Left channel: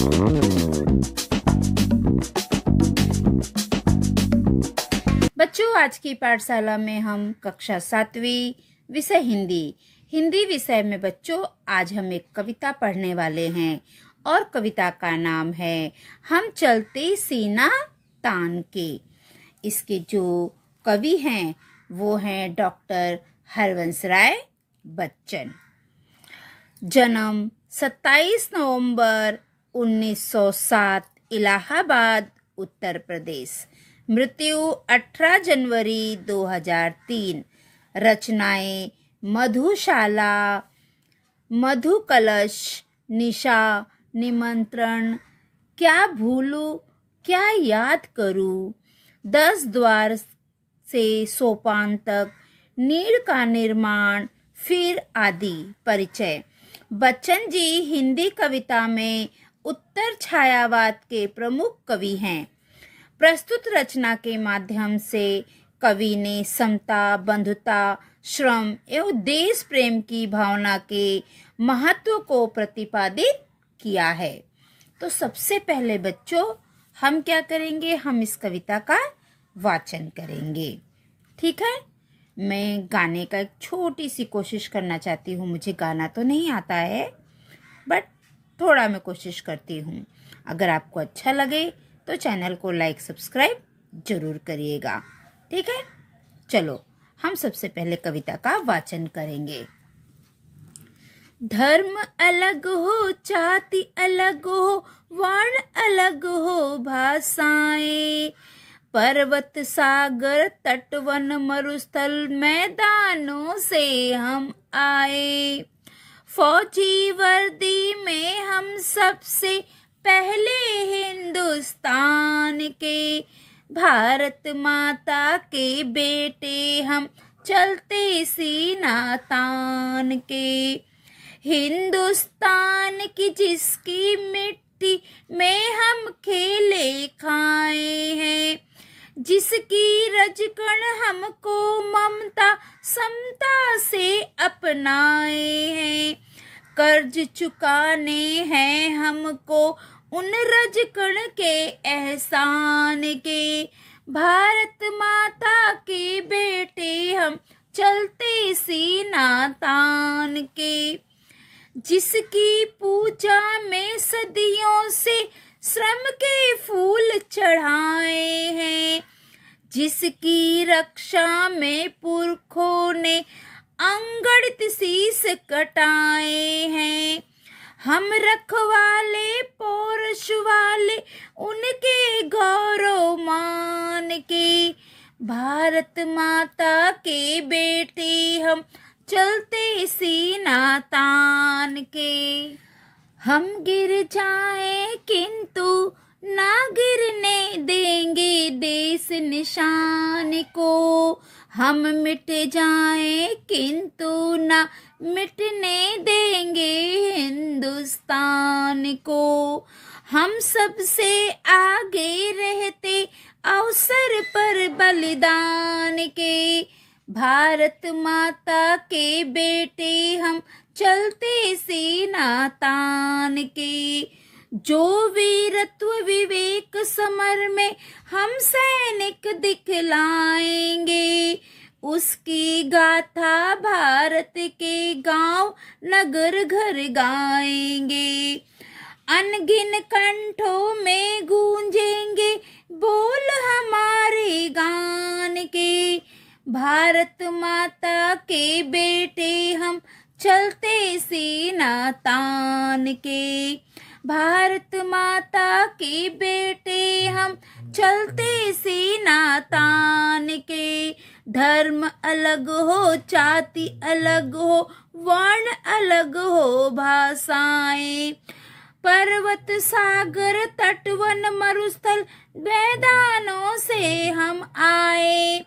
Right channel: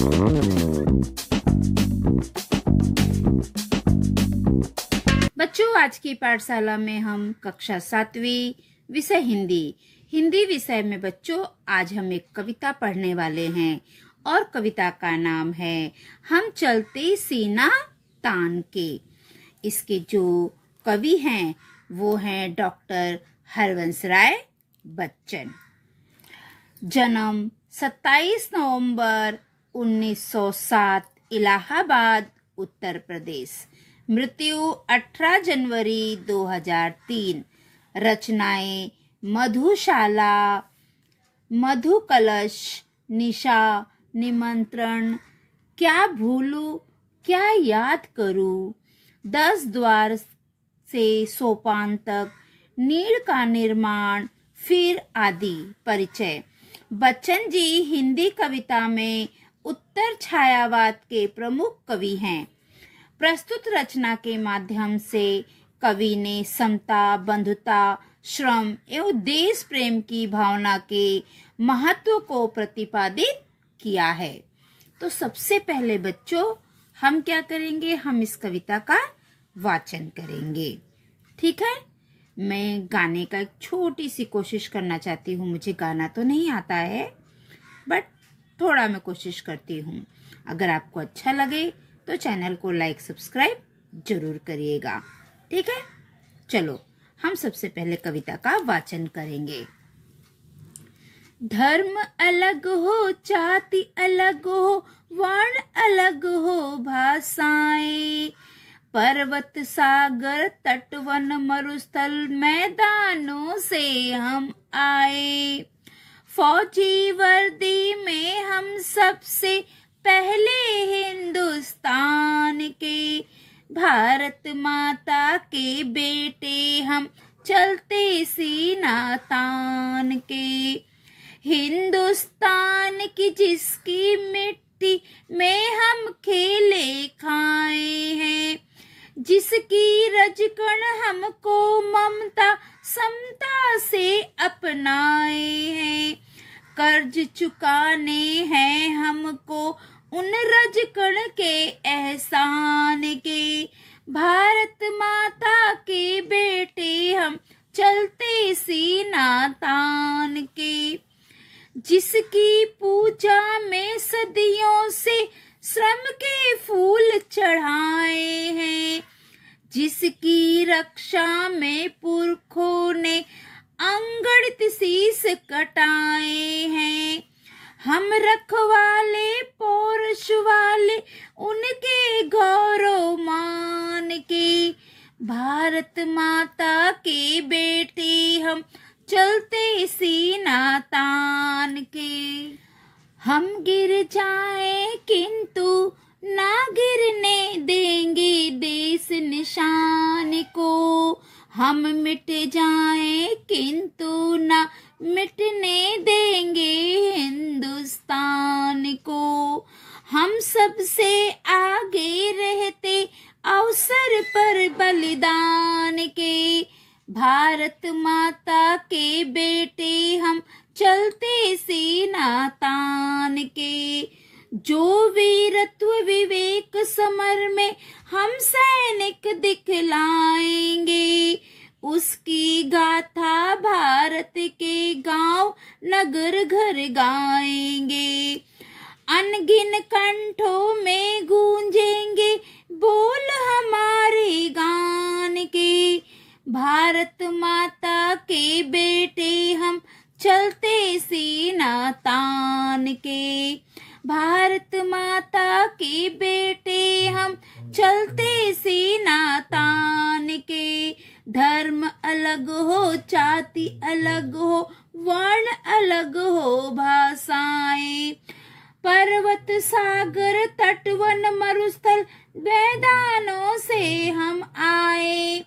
बच्चों, आज की पाठशाला में हम कक्षा 7वीं विषय हिंदी विषय में बच्चों आज हम एक कविता पढ़ने वाले हैं और कविता का नाम है हम चलते सीना तान के। इसके जो कवि हैं वो हैं डॉक्टर हरवंश राय बच्चन। जन्म 27 नवंबर 1907 इलाहाबाद उत्तर प्रदेश। मृत्यु 18 जनवरी 2003। रचनाएं मधुशाला, मधु कलश, निशा, निमंत्रण, क्या भूलूं क्या याद करूं, 10 द्वार से सोपान तक, नीड़ का निर्माण, फिर आदि। परिचय। बच्चन जी हिंदी कविता में उत्तर छायावाद के प्रमुख कवि हैं। प्रस्तुत रचना के माध्यम से कवि ने समता, बंधुता, श्रम एवं देश प्रेम की भावना के महत्व को प्रतिपादित किया है। तो सबसे पहले बच्चों हम क्या करेंगे, हम इस कविता का वाचन करेंगे। ठीक है, मैं गाने का एक छोटी सी कोशिश करना चाहती हूँ। मुझे गाना तो नहीं आता है बट थोड़ा मैं कोशिश करती हूँ। अगर आपको अच्छा लगे तो चैनल को लाइक सब्सक्राइब जरूर करिएगा। ठीक है, चलो हम सबसे पहले कविता का वाचन करेंगे। धर्म अलग हो, जाति अलग हो, वर्ण अलग हो, भाषाएं, पर्वत सागर तट वन मरुस्थल मैदानों से हम आए। फौजी वर्दी में हम सबसे पहले हिंदुस्तान के, भारत माता के बेटे हम चलते सीना तान के। हिंदुस्तान की जिसकी मिट्टी में हम खेले खाए हैं, जिसकी रजकण हमको ममता समता से अपनाए हैं। कर्ज चुकाने हैं हमको उन रजकण के एहसान के, भारत माता के बेटे हम चलते सीना तान के। जिसकी पूजा में सदियों से श्रम के फूल चढ़ाए हैं, जिसकी रक्षा में पुरखों ने अनगढ़ शीस कटाए हैं। हम रखवाले पौरुष वाले उनके गौरव मान के, भारत माता के बेटे हम चलते सीना तान के। हम गिर जाएं किंतु ना गिरने देंगे देश निशान को, हम मिट जाएं किंतु ना मिटने देंगे हिंदुस्तान को। हम सबसे आगे रहते अवसर पर बलिदान के, भारत माता के बेटे हम चलते सीना तान के। जो वीरत्व विवेक समर में हम सैनिक दिखलाएंगे, उसकी गाथा भारत के गांव नगर घर गाएंगे। अनगिन कंठों में गूंजेंगे बोल हमारे गान के, भारत माता के बेटे हम चलते सीना तान के। भारत माता के बेटे हम चलते सीना तान के। धर्म अलग हो, जाति अलग हो, वर्ण अलग हो, भाषाएं, पर्वत सागर तट वन मरुस्थल मैदानों से हम आए।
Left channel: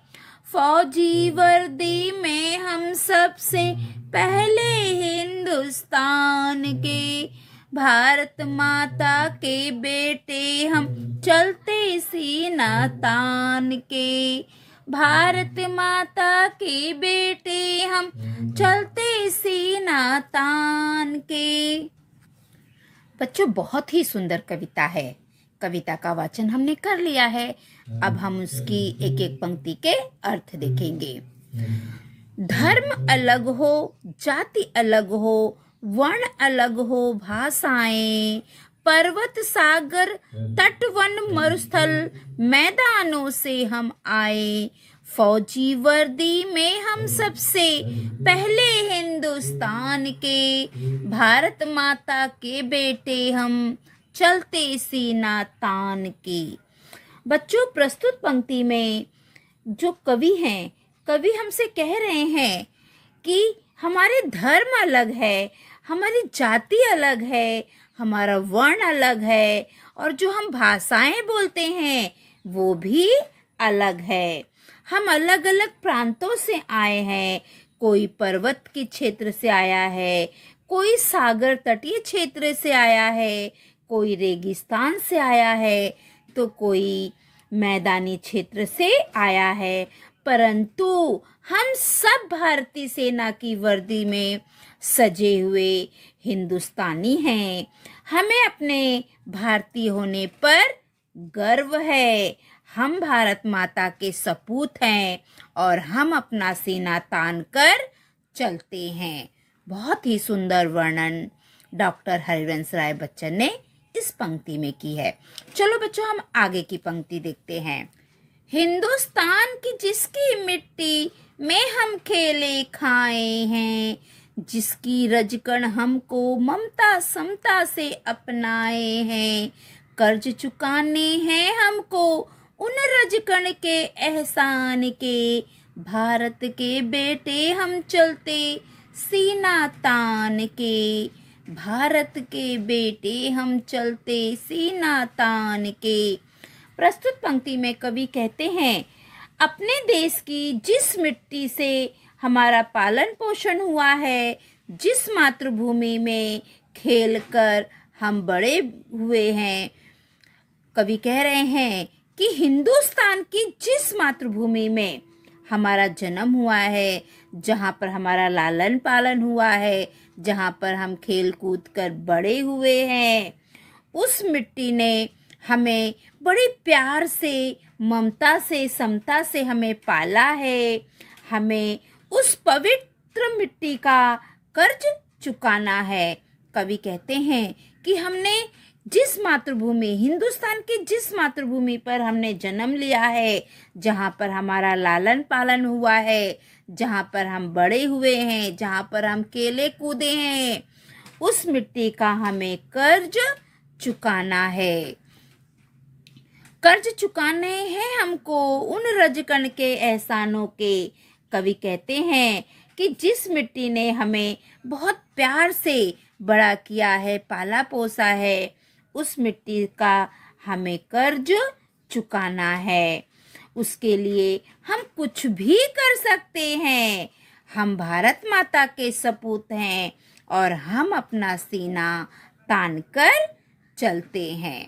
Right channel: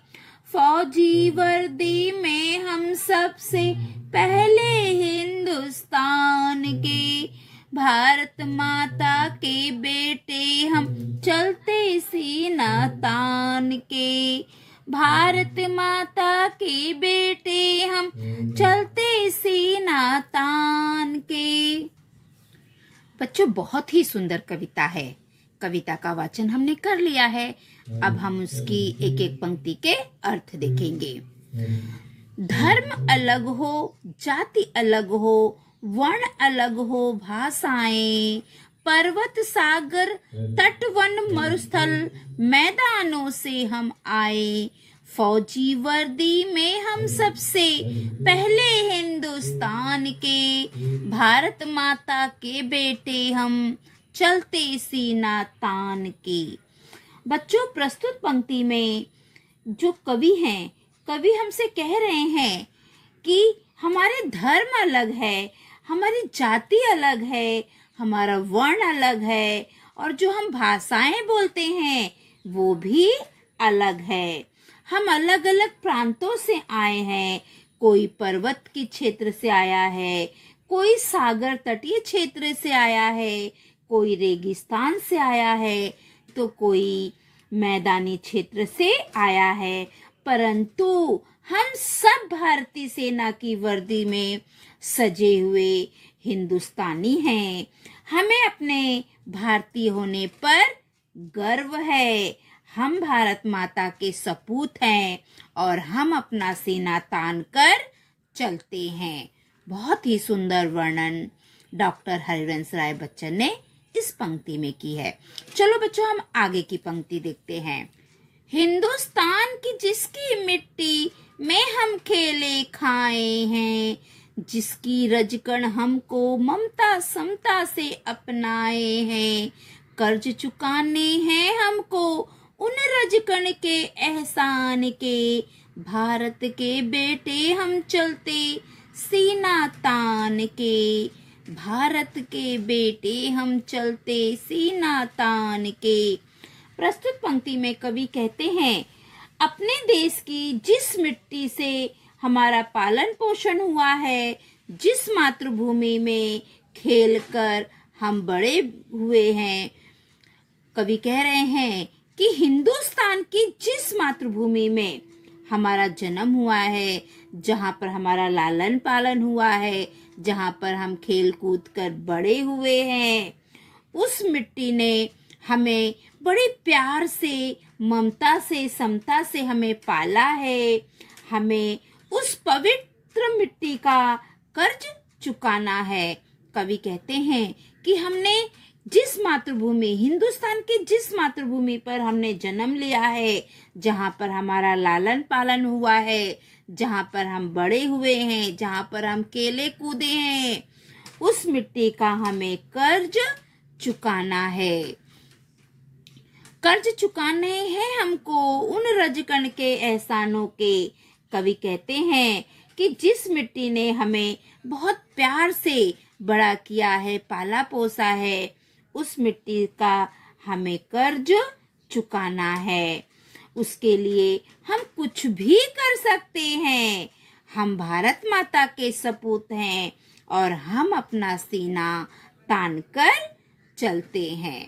फौजी वर्दी में हम सबसे पहले हिंदुस्तान के, भारत माता के बेटे हम चलते सीना तान के। भारत माता के बेटे हम चलते सीना तान के। बच्चों बहुत ही सुंदर कविता है। कविता का वाचन हमने कर लिया है। अब हम उसकी एक एक पंक्ति के अर्थ देखेंगे। धर्म अलग हो, जाति अलग हो, वर्ण अलग हो, भाषाएं, पर्वत सागर तट वन मरुस्थल मैदानों से हम आए, फौजी वर्दी में हम सबसे पहले हिंदुस्तान के, भारत माता के बेटे हम चलते सीना तान के। बच्चों, प्रस्तुत पंक्ति में जो कवि हैं, कवि हमसे कह रहे हैं कि हमारे धर्म अलग है, हमारी जाति अलग है, हमारा वर्ण अलग है, और जो हम भाषाएं बोलते हैं वो भी अलग है। हम अलग अलग प्रांतों से आए हैं। कोई पर्वत के क्षेत्र से आया है, कोई सागर तटीय क्षेत्र से आया है, कोई रेगिस्तान से आया है, तो कोई मैदानी क्षेत्र से आया है, परंतु हम सब भारतीय सेना की वर्दी में सजे हुए हिंदुस्तानी हैं। हमें अपने भारतीय होने पर गर्व है। हम भारत माता के सपूत हैं और हम अपना सीना तान कर चलते हैं। बहुत ही सुंदर वर्णन डॉक्टर हरिवंश राय बच्चन ने इस पंक्ति में की है। चलो बच्चों, हम आगे की पंक्ति देखते हैं। हिंदुस्तान की जिसकी मिट्टी में हम खेले खाए हैं, जिसकी रजकण हमको ममता समता से अपनाए हैं, कर्ज चुकाने हैं हमको उन रजकण के एहसान के, भारत के बेटे हम चलते सीना तान के, भारत के बेटे हम चलते सीना तान के। प्रस्तुत पंक्ति में कवि कहते हैं, अपने देश की जिस मिट्टी से हमारा पालन पोषण हुआ है, जिस मातृभूमि में खेलकर हम बड़े हुए हैं, कवि कह रहे हैं कि हिंदुस्तान की जिस मातृभूमि में हमारा जन्म हुआ है, जहाँ पर हमारा लालन पालन हुआ है, जहाँ पर हम खेल कूद कर बड़े हुए हैं, उस मिट्टी ने हमें बड़े प्यार से, ममता से, समता से हमें पाला है। हमें उस पवित्र मिट्टी का कर्ज चुकाना है। कवि कहते हैं कि हमने जिस मातृभूमि, हिंदुस्तान की जिस मातृभूमि पर हमने जन्म लिया है, जहाँ पर हमारा लालन पालन हुआ है, जहाँ पर हम बड़े हुए हैं, जहाँ पर हम खेले कूदे हैं, उस मिट्टी का हमें कर्ज चुकाना है। कर्ज चुकाने हैं हमको उन रजकण के एहसानों के। कवि कहते हैं कि जिस मिट्टी ने हमें बहुत प्यार से बड़ा किया है, पाला पोसा है, उस मिट्टी का हमें कर्ज चुकाना है। उसके लिए हम कुछ भी कर सकते हैं। हम भारत माता के सपूत हैं और हम अपना सीना तान कर चलते हैं।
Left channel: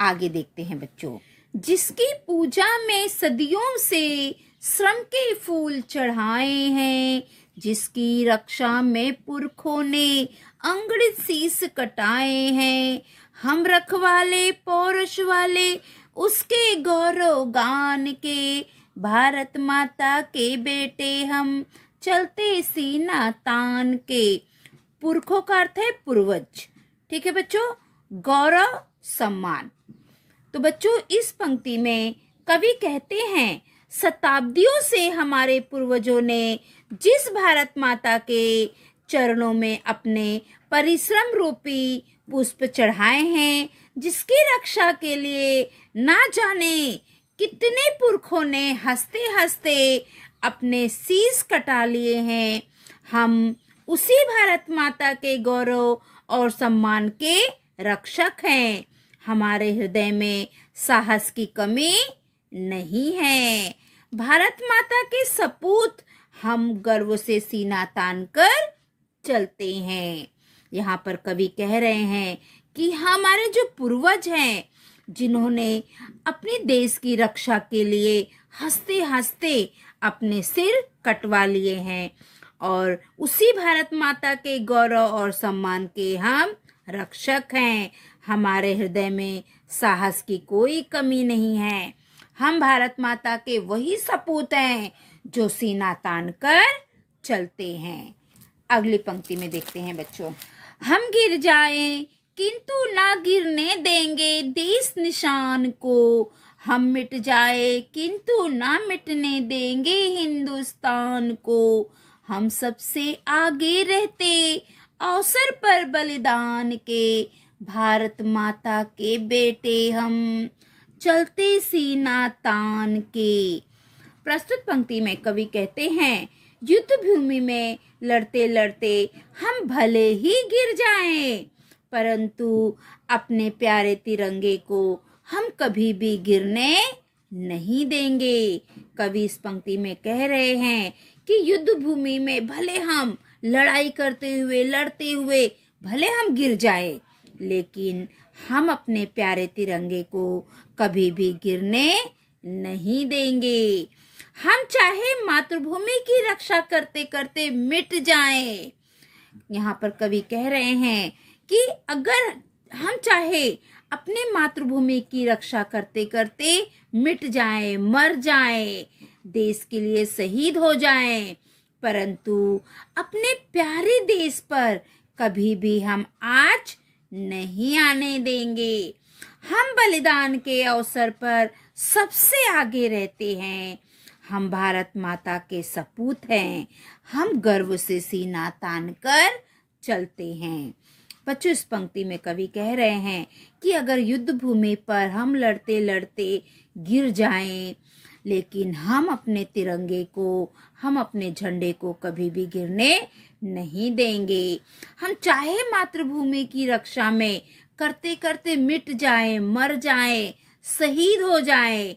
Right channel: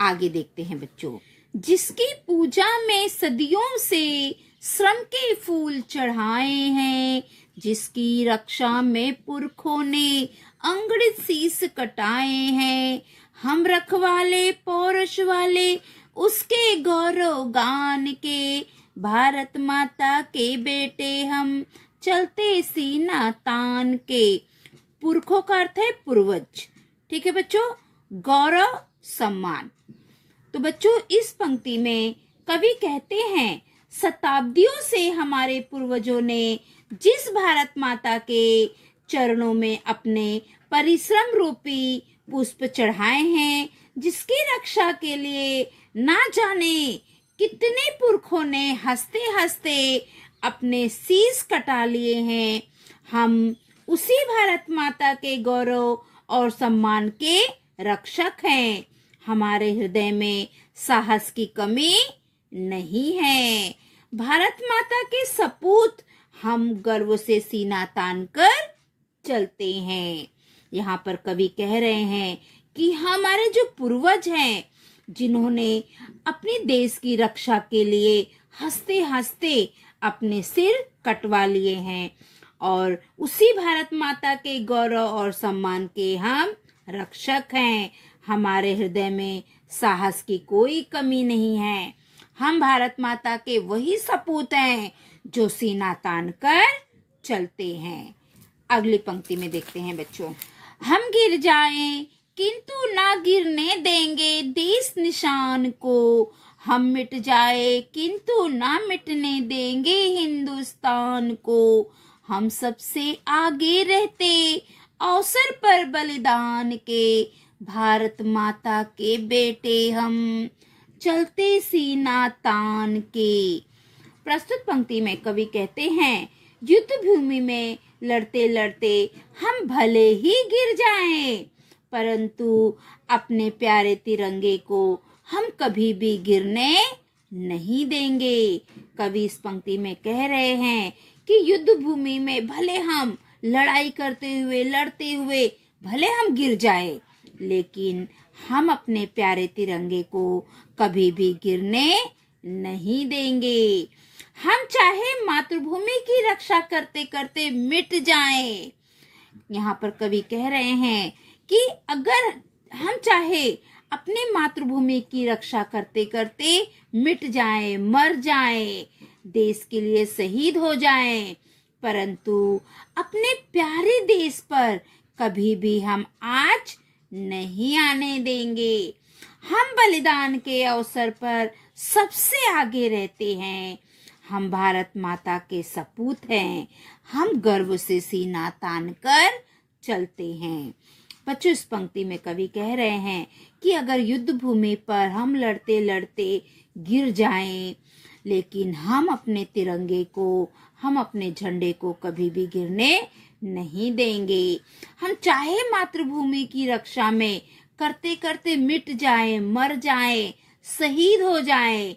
आगे देखते हैं बच्चों। जिसकी पूजा में सदियों से श्रम के फूल चढ़ाए हैं, जिसकी रक्षा में पुरखों ने अंगड़ित शीस कटाए हैं, हम रखवाले पौरुष वाले उसके गौरव गान के, भारत माता के बेटे हम चलते सीना तान के। पुरखों का अर्थ है पूर्वज। ठीक है बच्चों, गौरव सम्मान। तो बच्चों, इस पंक्ति में कवि कहते हैं, शताब्दियों से हमारे पूर्वजों ने जिस भारत माता के चरणों में अपने परिश्रम रूपी पुष्प चढ़ाए हैं, जिसकी रक्षा के लिए ना जाने कितने पुरखों ने हंसते हंसते अपने शीश कटा लिए हैं, हम उसी भारत माता के गौरव और सम्मान के रक्षक हैं। हमारे हृदय में साहस की कमी नहीं है। भारत माता के सपूत हम गर्व से सीना तान कर चलते हैं। यहाँ पर कवि कह रहे हैं कि हमारे जो पूर्वज हैं, जिन्होंने अपने देश की रक्षा के लिए हंसते हंसते अपने सिर कटवा लिए हैं, और उसी भारत माता के गौरव और सम्मान के हम रक्षक हैं। हमारे हृदय में साहस की कोई कमी नहीं है। हम भारत माता के वही सपूत हैं जो सीना तान कर चलते हैं। अगली पंक्ति में देखते हैं बच्चों, हम गिर जाएं किंतु ना गिरने देंगे देश निशान को। हम मिट जाए किंतु ना मिटने देंगे हिंदुस्तान को। हम सबसे आगे रहते अवसर पर बलिदान के। भारत माता के बेटे हम चलते सीना तान के। प्रस्तुत पंक्ति में कवि कहते हैं, युद्ध भूमि में लड़ते लड़ते हम भले ही गिर जाएं, परंतु अपने प्यारे तिरंगे को हम कभी भी गिरने नहीं देंगे। कवि इस पंक्ति में कह रहे हैं कि युद्ध भूमि में भले हम लड़ाई करते हुए लड़ते हुए भले हम गिर जाए, लेकिन हम अपने प्यारे तिरंगे को कभी भी गिरने नहीं देंगे। हम चाहे मातृभूमि की रक्षा करते करते मिट जाएं। यहाँ पर कवि कह रहे हैं कि अगर हम चाहे अपने मातृभूमि की रक्षा करते करते मिट जाएं, मर जाएं, देश के लिए शहीद हो जाएं, परंतु अपने प्यारे देश पर कभी भी हम आँच नहीं आने देंगे। हम बलिदान के अवसर पर सबसे आगे रहते हैं। हम भारत माता के सपूत हैं। हम गर्व से सीना तान कर चलते हैं। बच्चों, इस पंक्ति में कवि कह रहे हैं कि अगर युद्ध भूमि पर हम लड़ते लड़ते गिर जाएं, लेकिन हम अपने तिरंगे को, हम अपने झंडे को कभी भी गिरने नहीं देंगे। हम चाहे मातृभूमि की रक्षा में करते करते मिट जाएं, मर जाएं, शहीद हो जाएं,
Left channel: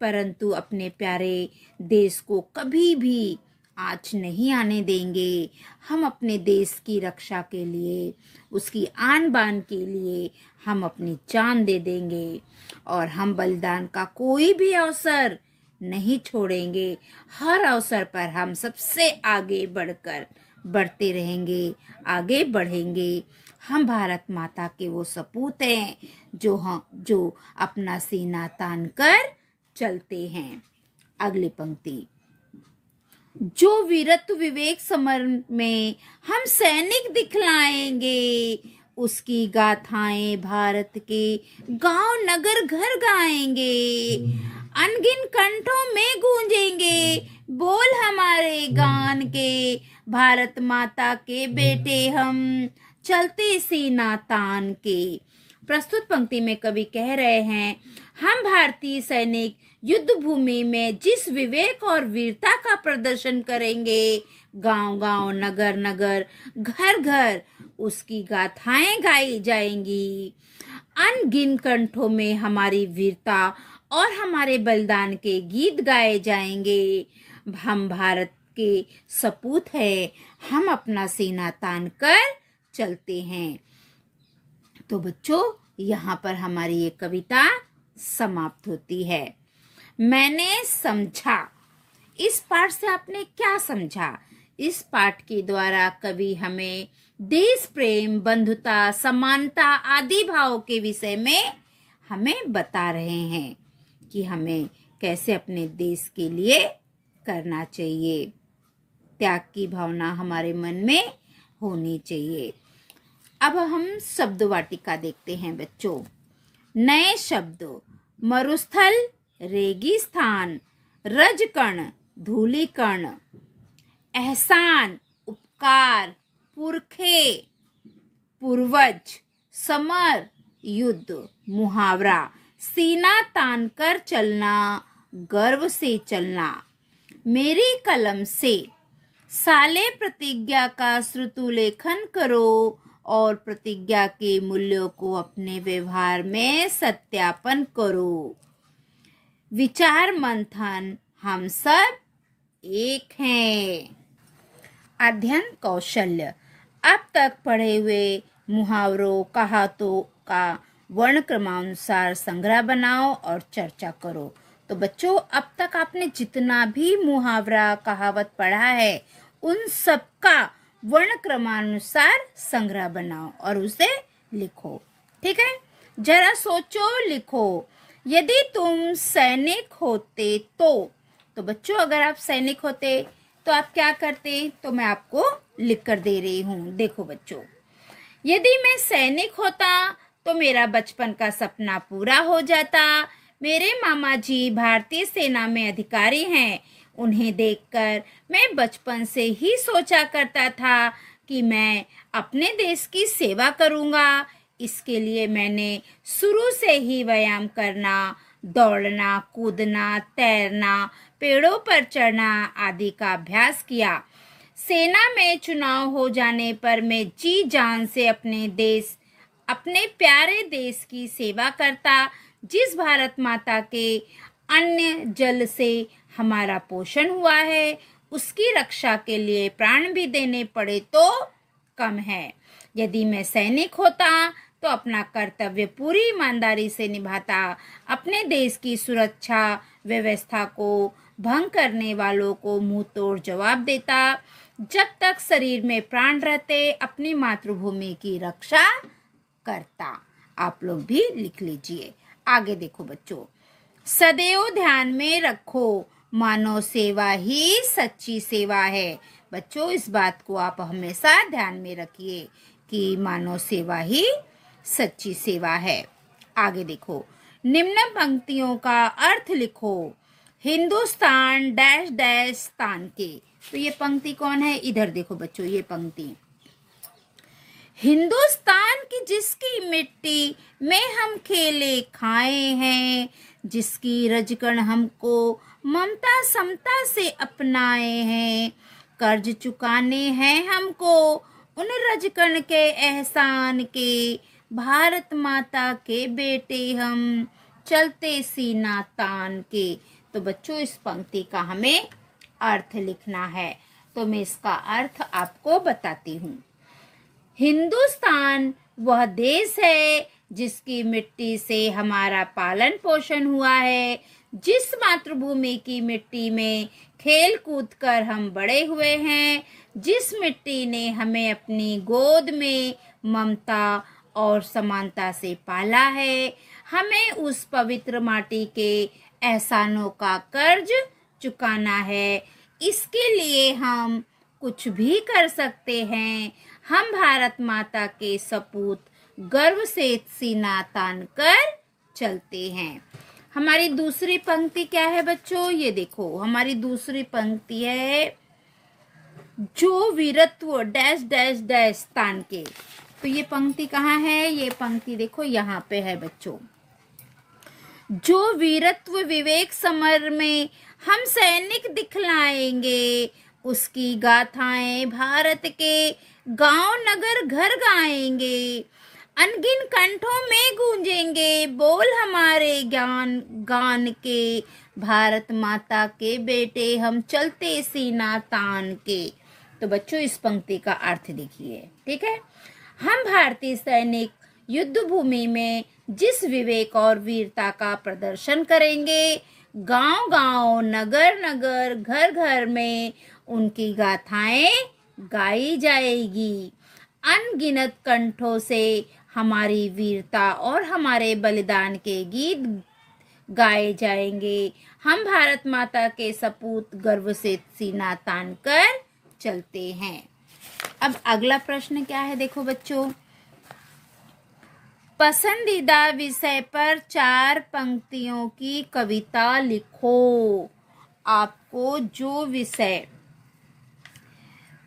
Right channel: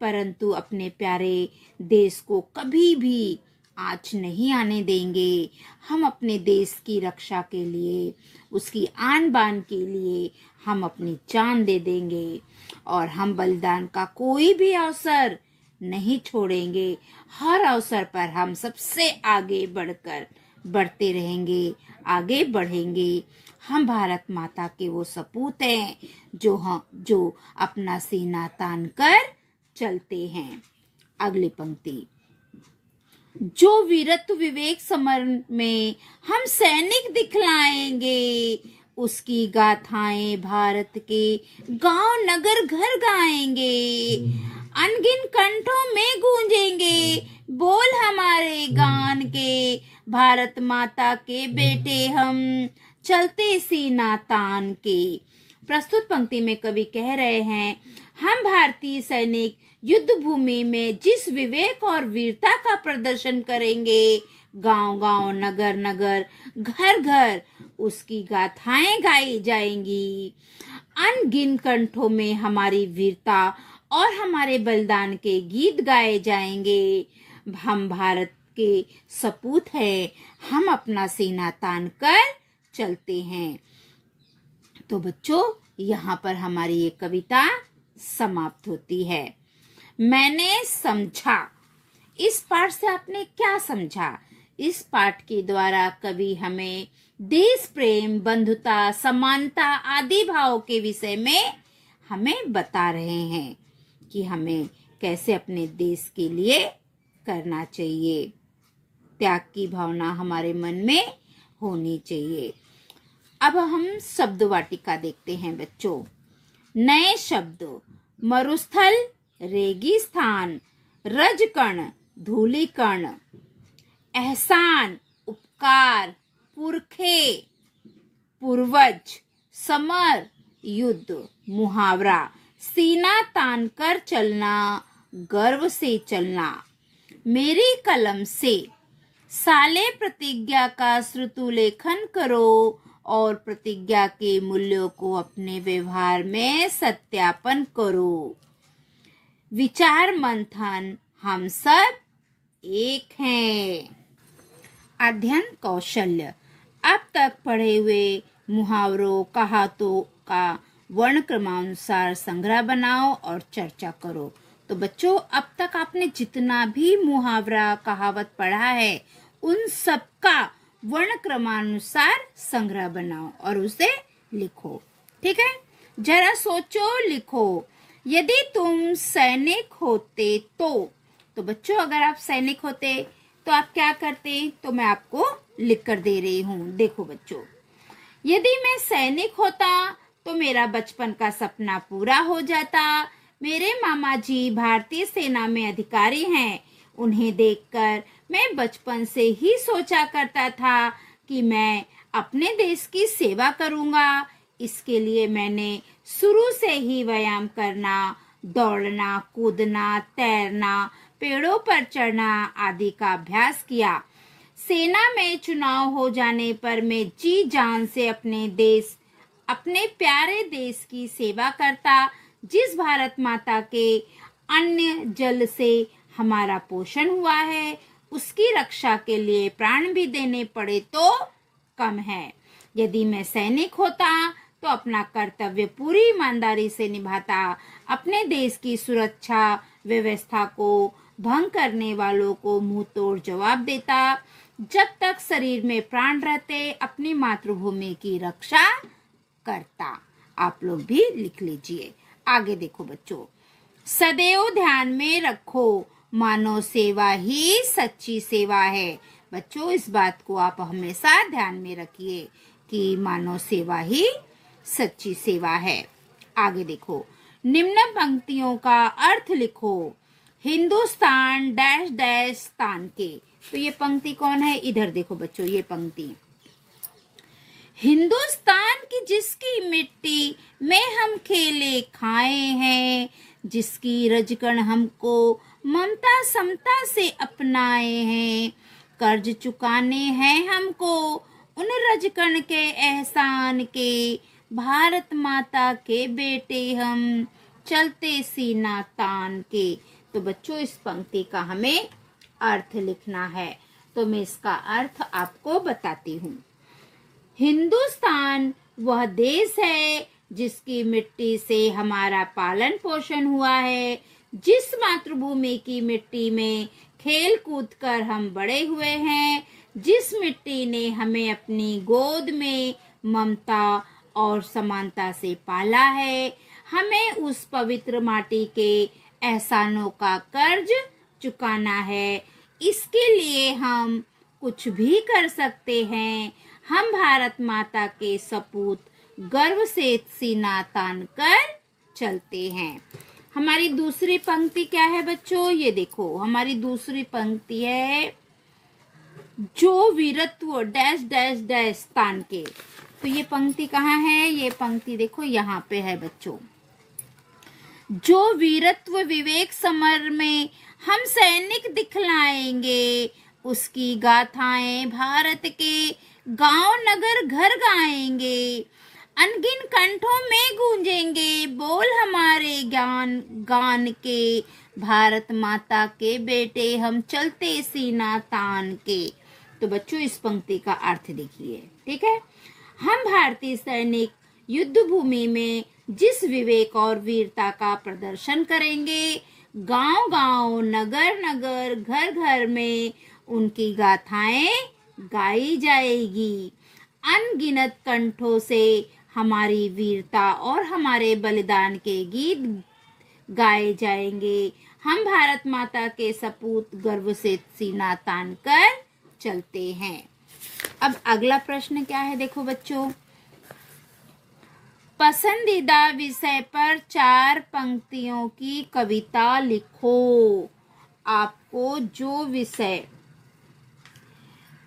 परंतु अपने प्यारे देश को कभी भी आँच नहीं आने देंगे। हम अपने देश की रक्षा के लिए, उसकी आन बान के लिए हम अपनी जान दे देंगे और हम बलिदान का कोई भी अवसर नहीं छोड़ेंगे। हर अवसर पर हम सबसे आगे बढ़ते रहेंगे, आगे बढ़ेंगे। हम भारत माता के वो सपूत हैं जो अपना सीना तान कर चलते हैं। अगली पंक्ति, जो वीरत्व विवेक समर में हम सैनिक दिखलाएंगे, उसकी गाथाएं भारत के गांव नगर घर गाएंगे। अनगिन कंठों में गूंजेंगे बोल हमारे गान के। भारत माता के बेटे हम चलते सीना तान के। प्रस्तुत पंक्ति में कवि कह रहे हैं, हम भारतीय सैनिक युद्ध भूमि में जिस विवेक और वीरता का प्रदर्शन करेंगे, गांव गांव नगर नगर घर घर उसकी गाथाएं गाई जाएंगी। अनगिन कंठों में हमारी वीरता और हमारे बलिदान के गीत गाए जाएंगे। हम भारत के सपूत हैं। हम अपना सीना तान कर चलते हैं। तो बच्चों, यहाँ पर हमारी ये कविता समाप्त होती है। मैंने समझा, इस पाठ से आपने क्या समझा? इस पाठ के द्वारा कवि हमें देश प्रेम, बंधुता, समानता आदि भाव के विषय में हमें बता रहे हैं कि हमें कैसे अपने देश के लिए करना चाहिए। त्याग की भावना हमारे मन में होनी चाहिए। अब हम शब्द वाटिका देखते हैं बच्चों। नए शब्द, मरुस्थल, रेगिस्तान, रजकण, धूलिकण, एहसान, उपकार, पुरखे, पूर्वज, समर, युद्ध, मुहावरा, सीना तान कर चलना, गर्व से चलना। मेरी कलम से साले प्रतिज्ञा का श्रुतुलेखन करो और प्रतिज्ञा के मूल्यों को अपने व्यवहार में सत्यापन करो। विचार मंथन, हम सब एक हैं। अध्ययन कौशल्य, अब तक पढ़े हुए मुहावरों, कहावतों का वर्ण क्रमानुसार संग्रह बनाओ और चर्चा करो। तो बच्चों, अब तक आपने जितना भी मुहावरा, कहावत पढ़ा है, उन सब का वर्ण क्रमानुसार संग्रह बनाओ और उसे लिखो। ठीक है, जरा सोचो, लिखो। यदि तुम सैनिक होते तो बच्चों अगर आप सैनिक होते तो आप क्या करते, तो मैं आपको लिख कर दे रही हूँ। देखो बच्चों, यदि मैं सैनिक होता तो मेरा बचपन का सपना पूरा हो जाता। मेरे मामा जी भारतीय सेना में अधिकारी हैं। उन्हें देखकर मैं बचपन से ही सोचा करता था कि मैं अपने देश की सेवा करूंगा। इसके लिए मैंने शुरू से ही व्यायाम करना, दौड़ना, कूदना, तैरना, पेड़ों पर चढ़ना आदि का अभ्यास किया। सेना में चुनाव हो जाने पर मैं जी जान से अपने प्यारे देश की सेवा करता। जिस भारत माता के अन्न जल से हमारा पोषण हुआ है, उसकी रक्षा के लिए प्राण भी देने पड़े तो कम है। यदि मैं सैनिक होता तो अपना कर्तव्य पूरी ईमानदारी से निभाता। अपने देश की सुरक्षा व्यवस्था को भंग करने वालों को मुंह तोड़ जवाब देता। जब तक शरीर में प्राण रहते अपनी मातृभूमि की रक्षा करता। आप लोग भी लिख लीजिए। आगे देखो बच्चों, सदैव ध्यान में रखो, मानव सेवा ही सच्ची सेवा है। बच्चों इस बात को आप हमेशा ध्यान में रखिए कि मानव सेवा ही सच्ची सेवा है। आगे देखो, निम्न पंक्तियों का अर्थ लिखो। हिंदुस्तान डैश डैश स्थान के। तो ये पंक्ति कौन है, इधर देखो बच्चों, ये पंक्ति हिंदुस्तान की जिसकी मिट्टी में हम खेले खाए हैं, जिसकी रजकण हमको ममता समता से अपनाए हैं। कर्ज चुकाने हैं हमको उन रजकण के एहसान के, भारत माता के बेटे हम चलते सीना तान के। तो बच्चों इस पंक्ति का हमें अर्थ लिखना है, तो मैं इसका अर्थ आपको बताती हूँ। हिंदुस्तान वह देश है जिसकी मिट्टी से हमारा पालन पोषण हुआ है, जिस मातृभूमि की मिट्टी में खेल कूद कर हम बड़े हुए हैं, जिस मिट्टी ने हमें अपनी गोद में ममता और समानता से पाला है। हमें उस पवित्र माटी के एहसानों का कर्ज चुकाना है। इसके लिए हम कुछ भी कर सकते हैं। हम भारत माता के सपूत गर्व से सीना तान कर चलते हैं। हमारी दूसरी पंक्ति क्या है बच्चों, ये देखो हमारी दूसरी पंक्ति है, जो वीरत्व डैश डैश डैश स्थान के। तो ये पंक्ति कहाँ है, ये पंक्ति देखो यहाँ पे है बच्चों। जो वीरत्व विवेक समर में हम सैनिक दिखलाएंगे, उसकी गाथाएं भारत के गांव नगर घर गाएंगे। अनगिन कंठों में गूंजेंगे बोल हमारे गान के, भारत माता के बेटे हम चलते सीना तान के। तो बच्चों इस पंक्ति का अर्थ देखिए। ठीक है, हम भारतीय सैनिक युद्ध भूमि में जिस विवेक और वीरता का प्रदर्शन करेंगे, गांव गांव नगर नगर घर घर में उनकी गाथाएं गाई जाएगी। अनगिनत कंठों से हमारी वीरता और हमारे बलिदान के गीत गाए जाएंगे। हम भारत माता के सपूत गर्व से सीना तान कर चलते हैं। अब अगला प्रश्न क्या है, देखो बच्चों, पसंदीदा विषय पर 4 पंक्तियों की कविता लिखो। आपको जो विषय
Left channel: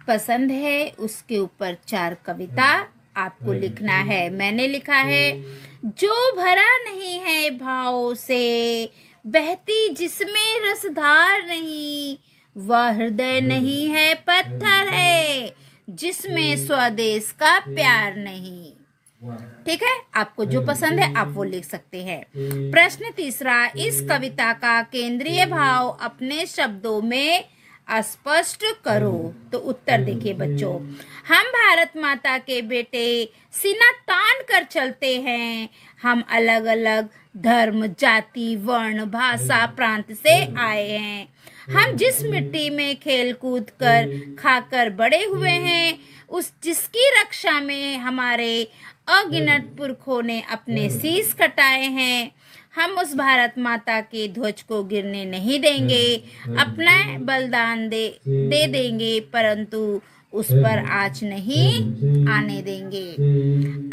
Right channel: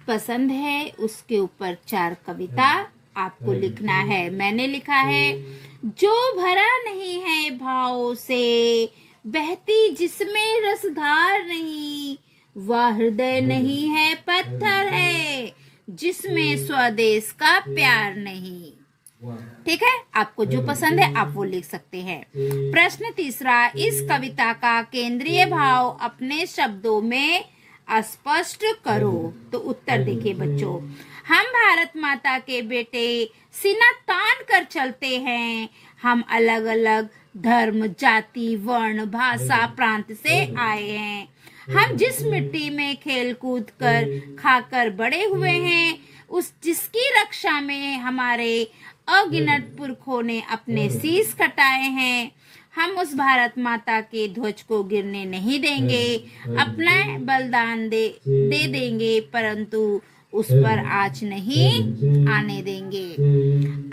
पसंद है उसके ऊपर 4 कविता आपको लिखना है। मैंने लिखा है, जो भरा नहीं है भाव से, बहती जिसमें रसधार नहीं, वह हृदय नहीं है पत्थर है, जिसमें स्वदेश का प्यार नहीं। ठीक है, आपको जो पसंद है आप वो लिख सकते हैं। प्रश्न तीसरा, इस कविता का केंद्रीय भाव अपने शब्दों में स्पष्ट करो। तो उत्तर देखिए बच्चों, हम भारत माता के बेटे सीना तान कर चलते हैं। हम अलग अलग धर्म, जाति, वर्ण, भाषा, प्रांत से आए हैं। हम जिस मिट्टी में खेल कूद कर खाकर बड़े हुए हैं, उस जिसकी रक्षा में हमारे अगिनत पुरखों ने अपने शीश कटाए हैं। हम उस भारत माता के ध्वज को गिरने नहीं देंगे, अपना बलिदान दे देंगे, परंतु उस पर आँच नहीं आने देंगे।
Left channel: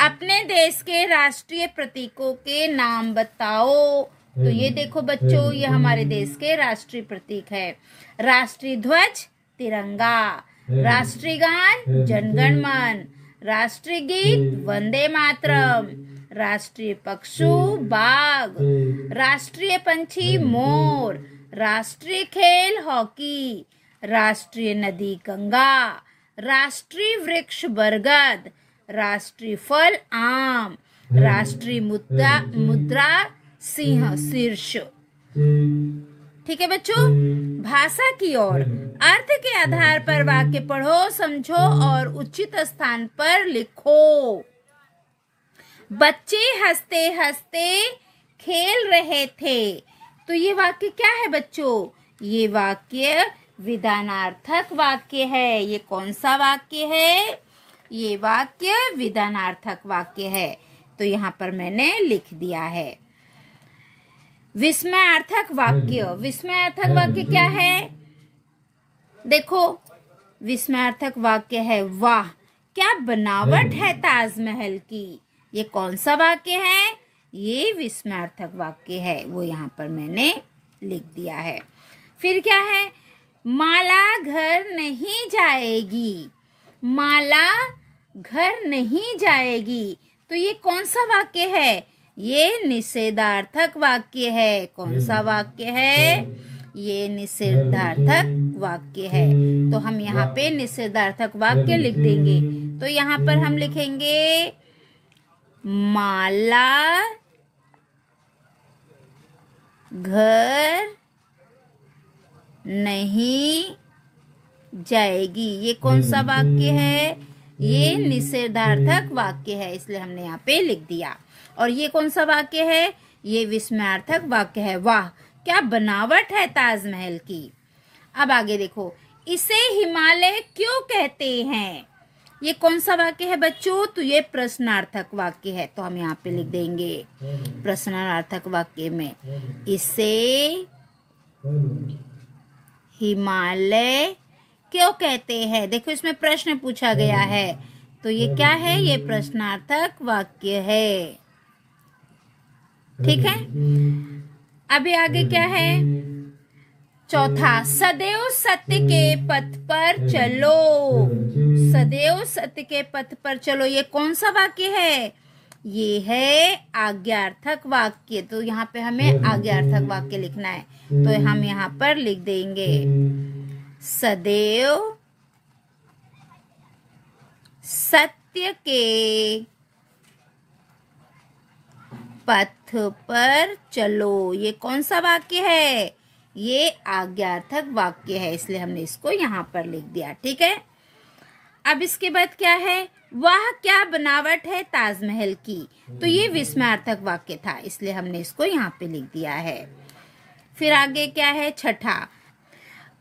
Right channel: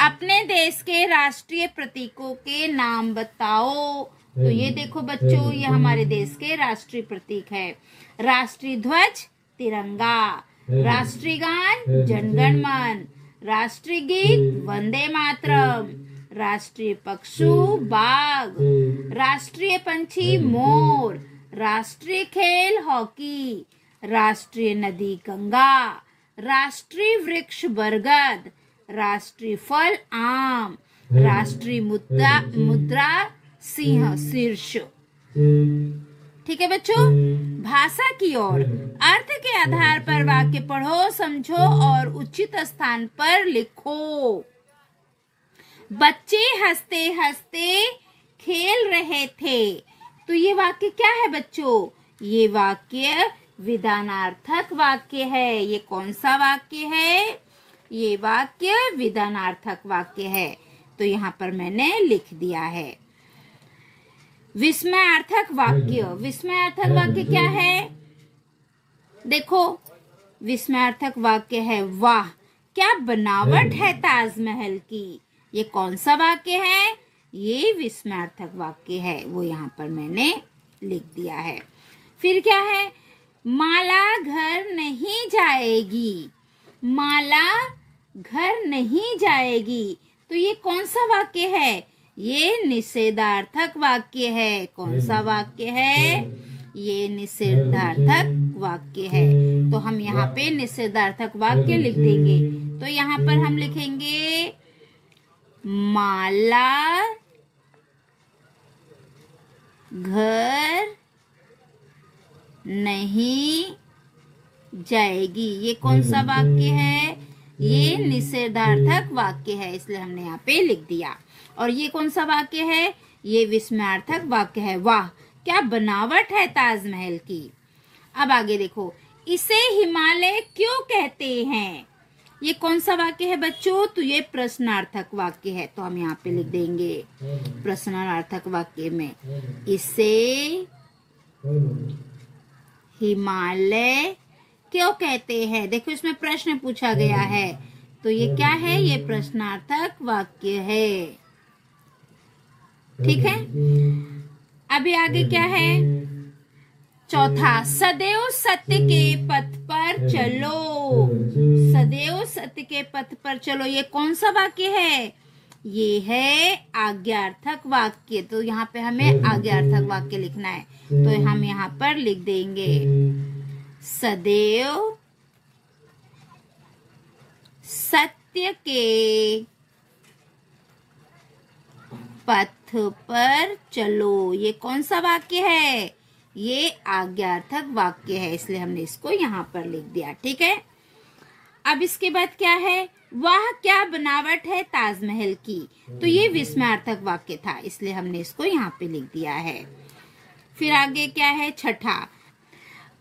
अपने देश के राष्ट्रीय प्रतीकों के नाम बताओ। तो ये देखो बच्चों, ये हमारे देश के राष्ट्रीय प्रतीक है। राष्ट्रीय ध्वज तिरंगा, राष्ट्रीय गान जनगण मन, राष्ट्रीय गीत वंदे मातरम, राष्ट्रीय पशु बाघ, राष्ट्रीय पंछी मोर, राष्ट्रीय खेल हॉकी, राष्ट्रीय नदी गंगा, राष्ट्रीय वृक्ष बरगद, राष्ट्रीय फल आम, राष्ट्रीय मुद्रा सिंह शीर्ष। ठीक है बच्चों, भाषा की ओर अर्थ के आधार पर वाक्य पढ़ो, समझो और उचित स्थान पर लिखो। बच्चे हंसते हंसते खेल रहे थे। तो ये वाक्य क्या है बच्चों? ये वाक्य विधानार्थक वाक्य है। ये कौन सा वाक्य है? ये वाक्य विधानार्थक वाक्य है। तो यहाँ पर मैंने लिख दिया है। विस्मयार्थक वाक्य। विस्मयार्थक वाक्य क्या है? देखो, विस्मयार्थक वाक्य है, वाह क्या बनावट है ताजमहल की। ये कौन सा वाक्य है? ये विस्मयार्थक वाक्य है। वो यहाँ पर मैंने लिख दिया है। फिर क्या है? माला घर नहीं जाएगी। माला घर नहीं जाएगी। तो ये कौन सा वाक्य है? ये निषेधार्थक वाक्य है। कौन सा वाक्य है? ये निषेधार्थक वाक्य है। तो हम यहाँ पे निषेधार्थक वाक्य लिख देंगे। तो यहाँ पर हम लिखेंगे माला घर नहीं जाएगी। ये कौन सा वाक्य है? ये निषेधार्थक वाक्य है, इसलिए हमने यहाँ पे लिख दिया। और ये कौन सा वाक्य है? ये विस्मयार्थक वाक्य है, वाह क्या बनावट है ताजमहल की। अब आगे देखो, इसे हिमालय क्यों कहते हैं? ये कौन सा वाक्य है बच्चों? तो ये प्रश्नार्थक वाक्य है। तो हम यहाँ पे लिख देंगे प्रश्नार्थक वाक्य में इसे हिमालय क्यों कहते हैं। देखो, इसमें प्रश्न पूछा गया है। तो ये क्या है? ये प्रश्नार्थक वाक्य है। ठीक है। अभी आगे क्या है? चौथा, सदैव सत्य के पथ पर चलो। सदैव सत्य के पथ पर चलो। ये कौन सा वाक्य है? ये है आज्ञार्थक वाक्य। तो यहाँ पे हमें आज्ञार्थक वाक्य लिखना है। तो हम यहाँ पर लिख देंगे सदैव सत्य के पथ पर चलो। ये कौन सा वाक्य है? ये आज्ञार्थक वाक्य है, इसलिए हमने इसको यहाँ पर लिख दिया। ठीक है। अब इसके बाद क्या है? वाह क्या बनावट है ताजमहल की। तो ये विस्मयार्थक वाक्य था, इसलिए हमने इसको यहाँ पे लिख दिया है। फिर आगे क्या है? छठा,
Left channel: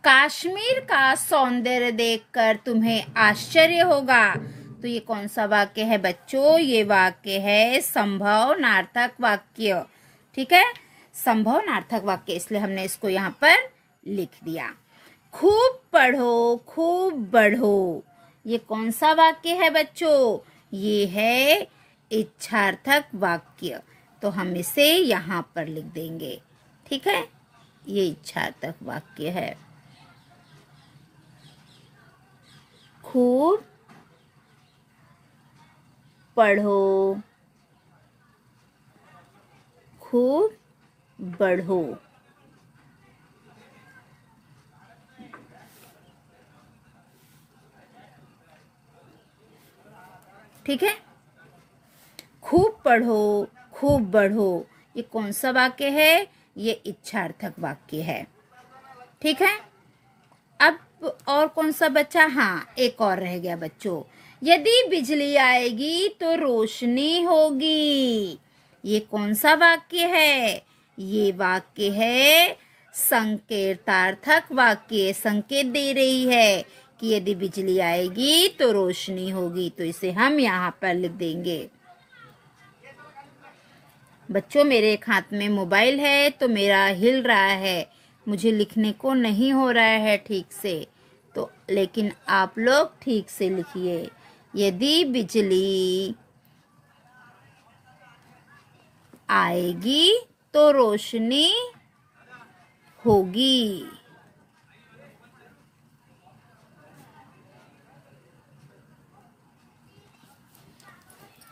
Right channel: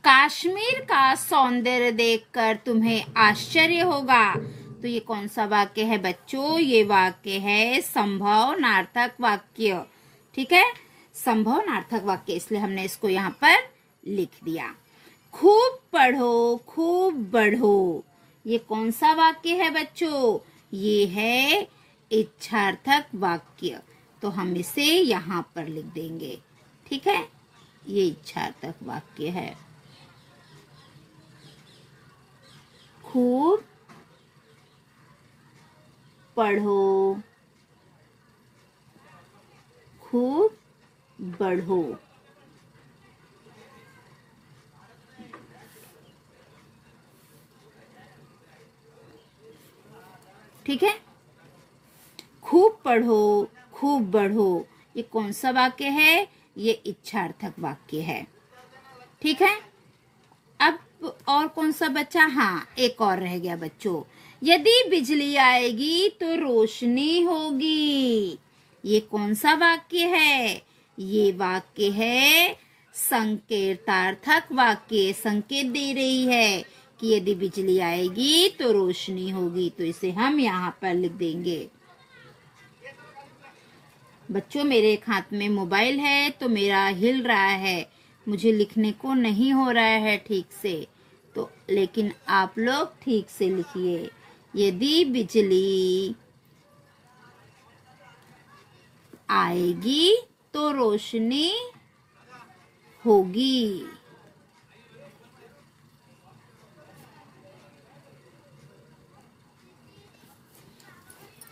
कश्मीर का सौंदर्य देखकर तुम्हें आश्चर्य होगा। तो ये कौन सा वाक्य है बच्चों? ये वाक्य है संभावनार्थक वाक्य। ठीक है, संभावनार्थक वाक्य, इसलिए हमने इसको यहाँ पर लिख दिया। खूब पढ़ो खूब बढ़ो। ये कौन सा वाक्य है बच्चों? ये है इच्छार्थक वाक्य। तो हम इसे यहाँ पर लिख देंगे। ठीक है, ये इच्छार्थक वाक्य है। खूब पढ़ो खूब बढ़ो। ठीक है, खूब पढ़ो खूब बढ़ो। ये कौन सा वाक्य है? ये इच्छार्थक वाक्य है। ठीक है। अब और कौन सा बचा? हाँ, एक और रह गया बच्चों। यदि बिजली आएगी तो रोशनी होगी। ये कौन सा वाक्य है? ये वाक्य है संकेतार्थक वाक्य। संकेत दे रही है कि यदि बिजली आएगी तो रोशनी होगी, तो इसे हम यहाँ पर लिख देंगे। बच्चों, मेरे एक हाथ में मोबाइल है तो मेरा हिल रहा है, मुझे लिखने को नहीं हो रहा है ठीक से, तो लेकिन आप लोग ठीक से लिखिए। यदि बिजली आएगी तो रोशनी होगी।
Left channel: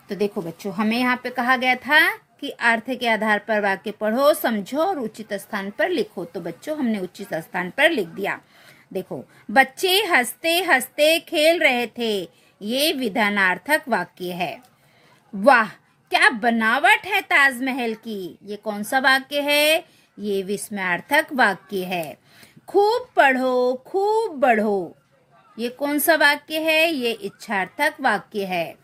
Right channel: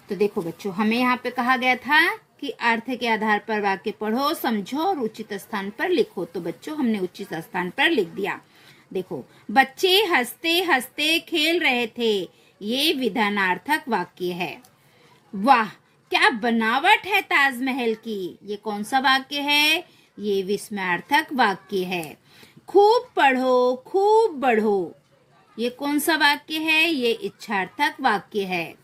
तो देखो बच्चों, हमें यहाँ पे कहा गया था कि अर्थ के आधार पर वाक्य पढ़ो, समझो और उचित स्थान पर लिखो। तो बच्चों, हमने उचित स्थान पर लिख दिया। देखो, बच्चे हंसते हंसते खेल रहे थे, ये विधानार्थक वाक्य है। वाह, क्या बनावट है ताजमहल की, ये कौन सा वाक्य है? ये विस्मयार्थक वाक्य है। खूब पढ़ो, खूब बढ़ो, ये कौन सा वाक्य है? ये इच्छार्थक वाक्य है।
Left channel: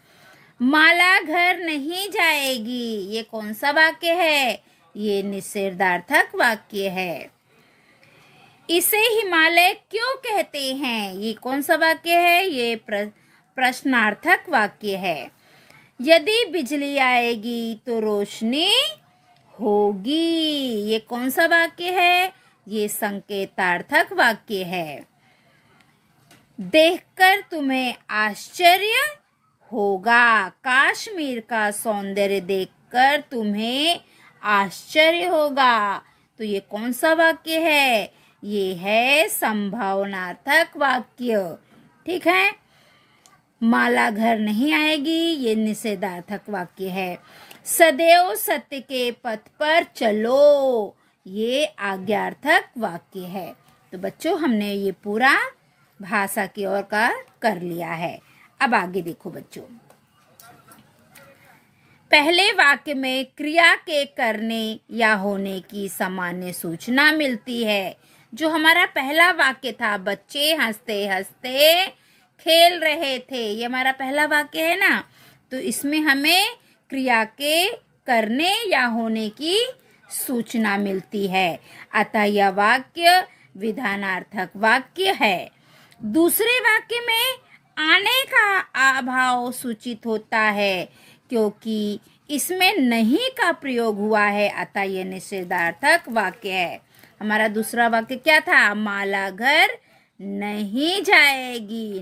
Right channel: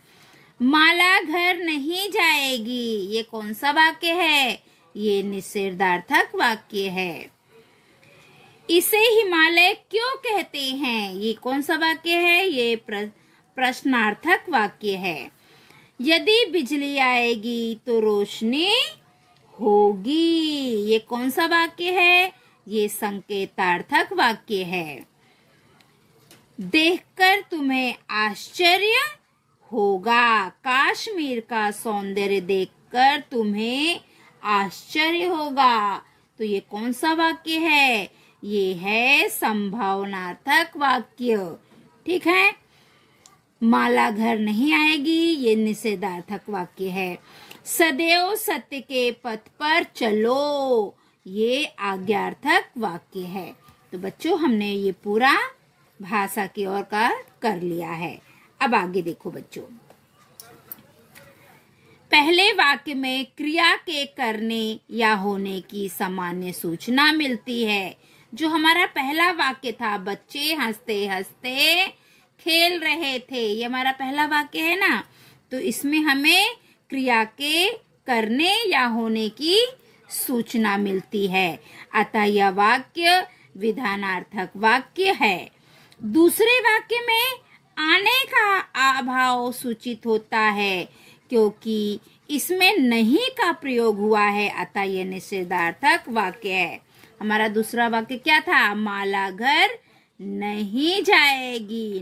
माला घर नहीं जाएगी, ये कौन सा वाक्य है? ये निषेधार्थक वाक्य है। इसे हिमालय क्यों कहते हैं, ये कौन सा वाक्य है? ये प्रश्नार्थक वाक्य है। यदि बिजली आएगी तो रोशनी होगी, ये कौन सा वाक्य है? ये संकेतार्थक वाक्य है। देखकर तुम्हें आश्चर्य होगा, कश्मीर का सौंदर्य देखकर तुम्हें आश्चर्य होगा, तो ये कौन सा वाक्य है? ये है संभावनार्थक वाक्य। ठीक है। माला घर नहीं आएगी, ये निषेधार्थक वाक्य है। सदैव सत्य के पथ पर चलो, ये आज्ञार्थक वाक्य है। तो बच्चों, हमने ये पूरा भाषा की ओर का कर लिया है। अब आगे देखो बच्चों, पहले वाक्य में क्रिया के करने या होने की सामान्य सूचना मिलती है। जो हमारा पहला वाक्य था, बच्चे हंसते हंसते खेल रहे थे, ये हमारा पहला वाक्य है ना। तो इसमें हमें क्रिया के करने या होने की सूचना मिलती है, अतः यह वाक्य विधानार्थक वाक्य है। दूसरे वाक्य में आने का अभाव सूचित होता है, क्योंकि इसमें नहीं का प्रयोग हुआ है, अतः यह निषेधार्थक वाक्य है। हमारा दूसरा वाक्य क्या था? माला घर नहीं जाएगी,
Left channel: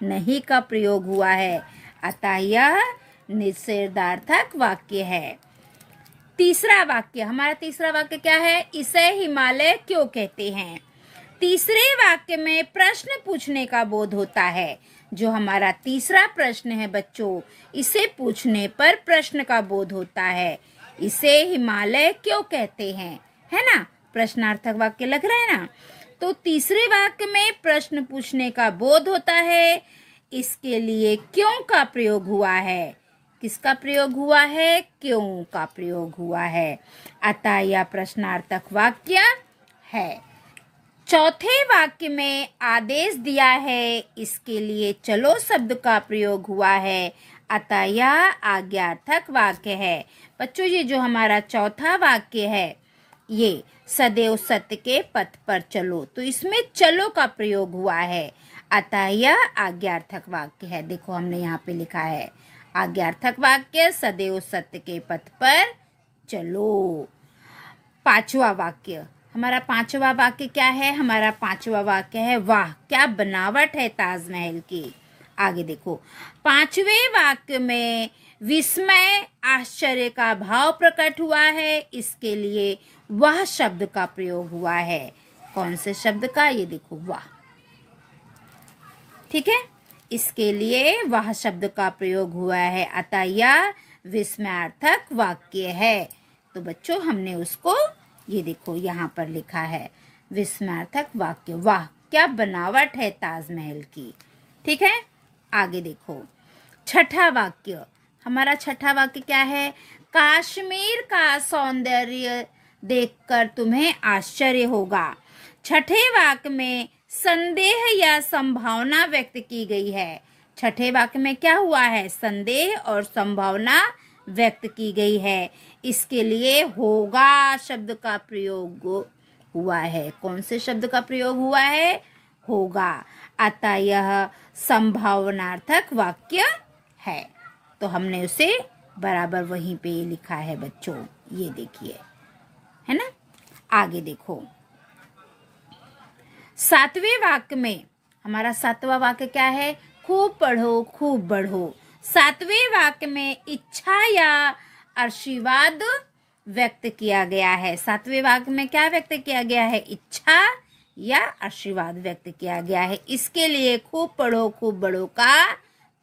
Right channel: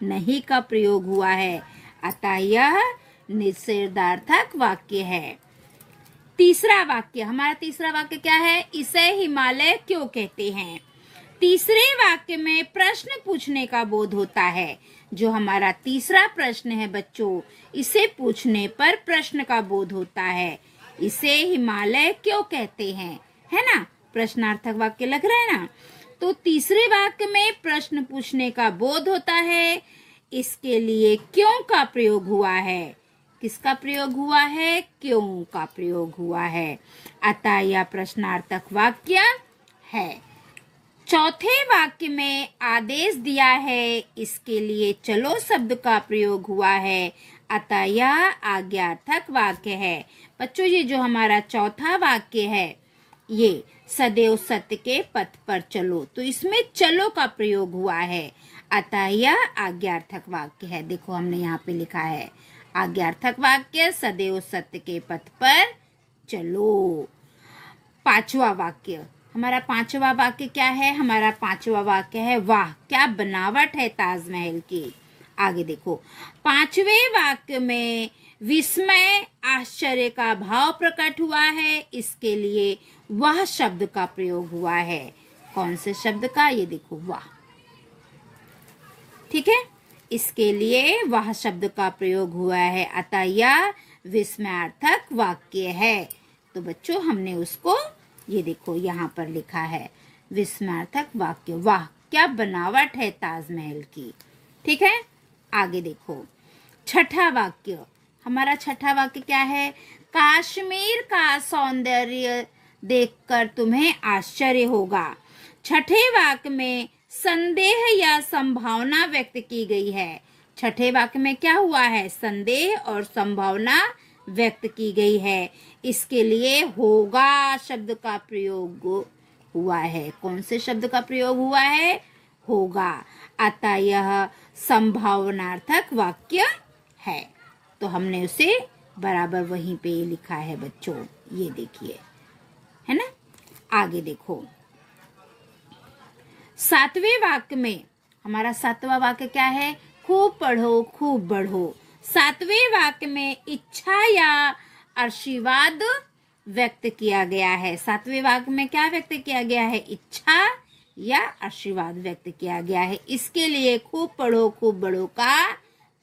नहीं का प्रयोग हुआ है, अतः यह निषेधार्थक वाक्य है। तीसरा वाक्य, हमारा तीसरा वाक्य क्या है? इसे हिमालय क्यों कहते हैं। तीसरे वाक्य में प्रश्न पूछने का बोध होता है। जो हमारा तीसरा प्रश्न है बच्चों, इसे पूछने पर प्रश्न का बोध होता है। इसे हिमालय क्यों कहते हैं, है ना? प्रश्नार्थक वाक्य लग रहा है ना। तो तीसरे वाक्य में प्रश्न पूछने का बोध होता है, इसके लिए क्यों का प्रयोग हुआ है। किसका प्रयोग हुआ है? क्यों का प्रयोग हुआ है, अतः यह प्रश्नार्थक वाक्य है। चौथे वाक्य में आदेश दिया है, इसके लिए चलो शब्द का प्रयोग हुआ है, अतः यह आज्ञार्थक वाक्य है। बच्चों, ये जो हमारा चौथा वाक्य है, ये सदैव सत्य के पथ पर चलो, तो इसमें चलो का प्रयोग हुआ है, अतः यह आज्ञार्थक वाक्य है। देखो, हमने यहाँ पे लिखा है आज्ञार्थक वाक्य, सदैव सत्य के पथ पर चलो। पांचवा वाक्य, हमारा पांचवा वाक्य क्या है? हमारा पांचवा वाक्य है, वाह क्या बनावट है ताजमहल की। आगे देखो, पांचवें वाक्य में विस्मय आश्चर्य का भाव प्रकट हुआ है, इसके लिए वह शब्द का प्रयोग हुआ है। कौन से शब्द का? ये देखो, वाह। ठीक है, इसके लिए वह शब्द का प्रयोग हुआ है, अतः यह विस्मयार्थक वाक्य है। तो बच्चों, हमने उसको ये देखो यहाँ पर लिखा है विस्मयार्थक वाक्य, वाह क्या बनावट है ताजमहल की। ठीक है, आगे देखो, छठा वाक्य, हमारा छठा वाक्य क्या है? कश्मीर का सौंदर्य देखकर तुम्हें आश्चर्य होगा। छठे वाक्य में संदेह या संभावना व्यक्त की गई है। छठे वाक्य में क्या हुआ है? संदेह और संभावना व्यक्त की गई है, इसके लिए होगा शब्द का प्रयोग हुआ है। कौन से शब्द का प्रयोग हुआ है? होगा। अतः यह संभावनार्थक वाक्य है। तो हमने उसे बराबर वहीं पे लिखा है बच्चों, ये देखिए, है ना। आगे देखो, सातवें वाक्य में हमारा सातवां वाक्य क्या है? खूब पढ़ो खूब बढ़ो। सातवें वाक्य में इच्छा या आशीर्वाद व्यक्त किया गया है। सातवें वाक्य में क्या व्यक्त किया गया है? इच्छा या आशीर्वाद व्यक्त किया गया है। इसके लिए खूब पढ़ो खूब बढ़ो का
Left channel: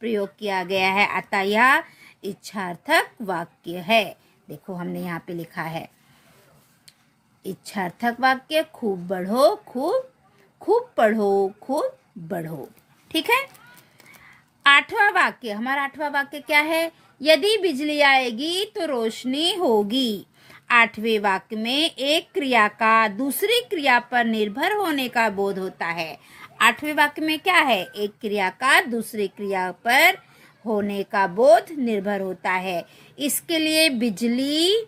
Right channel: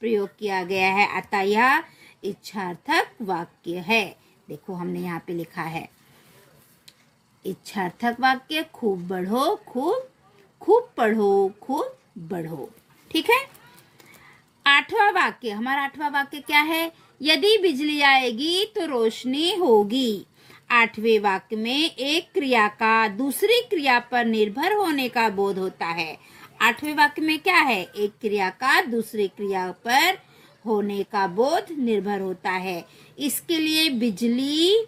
प्रयोग किया गया है। अतः यह इच्छार्थक वाक्य है। देखो हमने यहाँ पे लिखा है इच्छार्थक वाक्य, खूब बढ़ो खूब पढ़ो खूब बढ़ो। ठीक है। आठवां वाक्य, हमारा आठवां वाक्य क्या है? यदि बिजली आएगी तो रोशनी होगी। आठवें वाक्य में एक क्रिया का दूसरी क्रिया पर निर्भर होने का बोध होता है। आठवें वाक्य में क्या है? एक क्रिया का दूसरी क्रिया पर होने का बोध निर्भर होता है। इसके लिए बिजली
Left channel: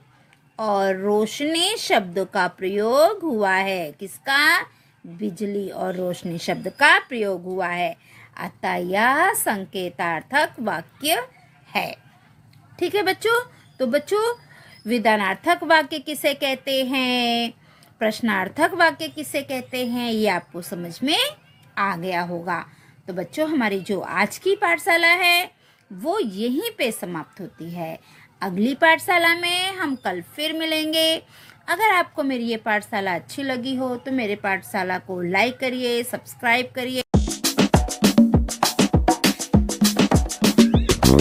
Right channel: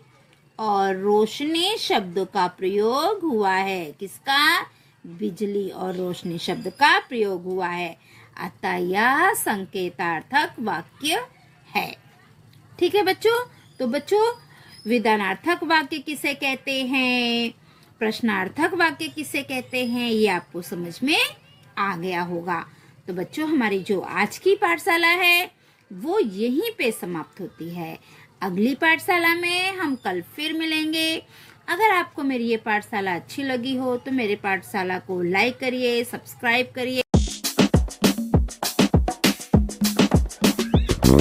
और रोशनी शब्द का प्रयोग हुआ है। किसका? बिजली और रोशनी शब्द का प्रयोग हुआ है। अतः यह संकेतार्थक वाक्य है। ठीक है बच्चों। तो बच्चों, विधानार्थक वाक्य किसे कहते हैं, प्रश्नार्थक वाक्य किसे कहते हैं, ये आपको समझ में आ गया होगा। तो बच्चों, हमारी जो आज की पाठशाला है वो यहीं पे समाप्त होती है। अगली पाठशाला में हम कल फिर मिलेंगे। अगर आपको मेरी ये पाठशाला अच्छी लगी हो तो मेरे पाठशाला को लाइक करिए, सब्सक्राइब करिए।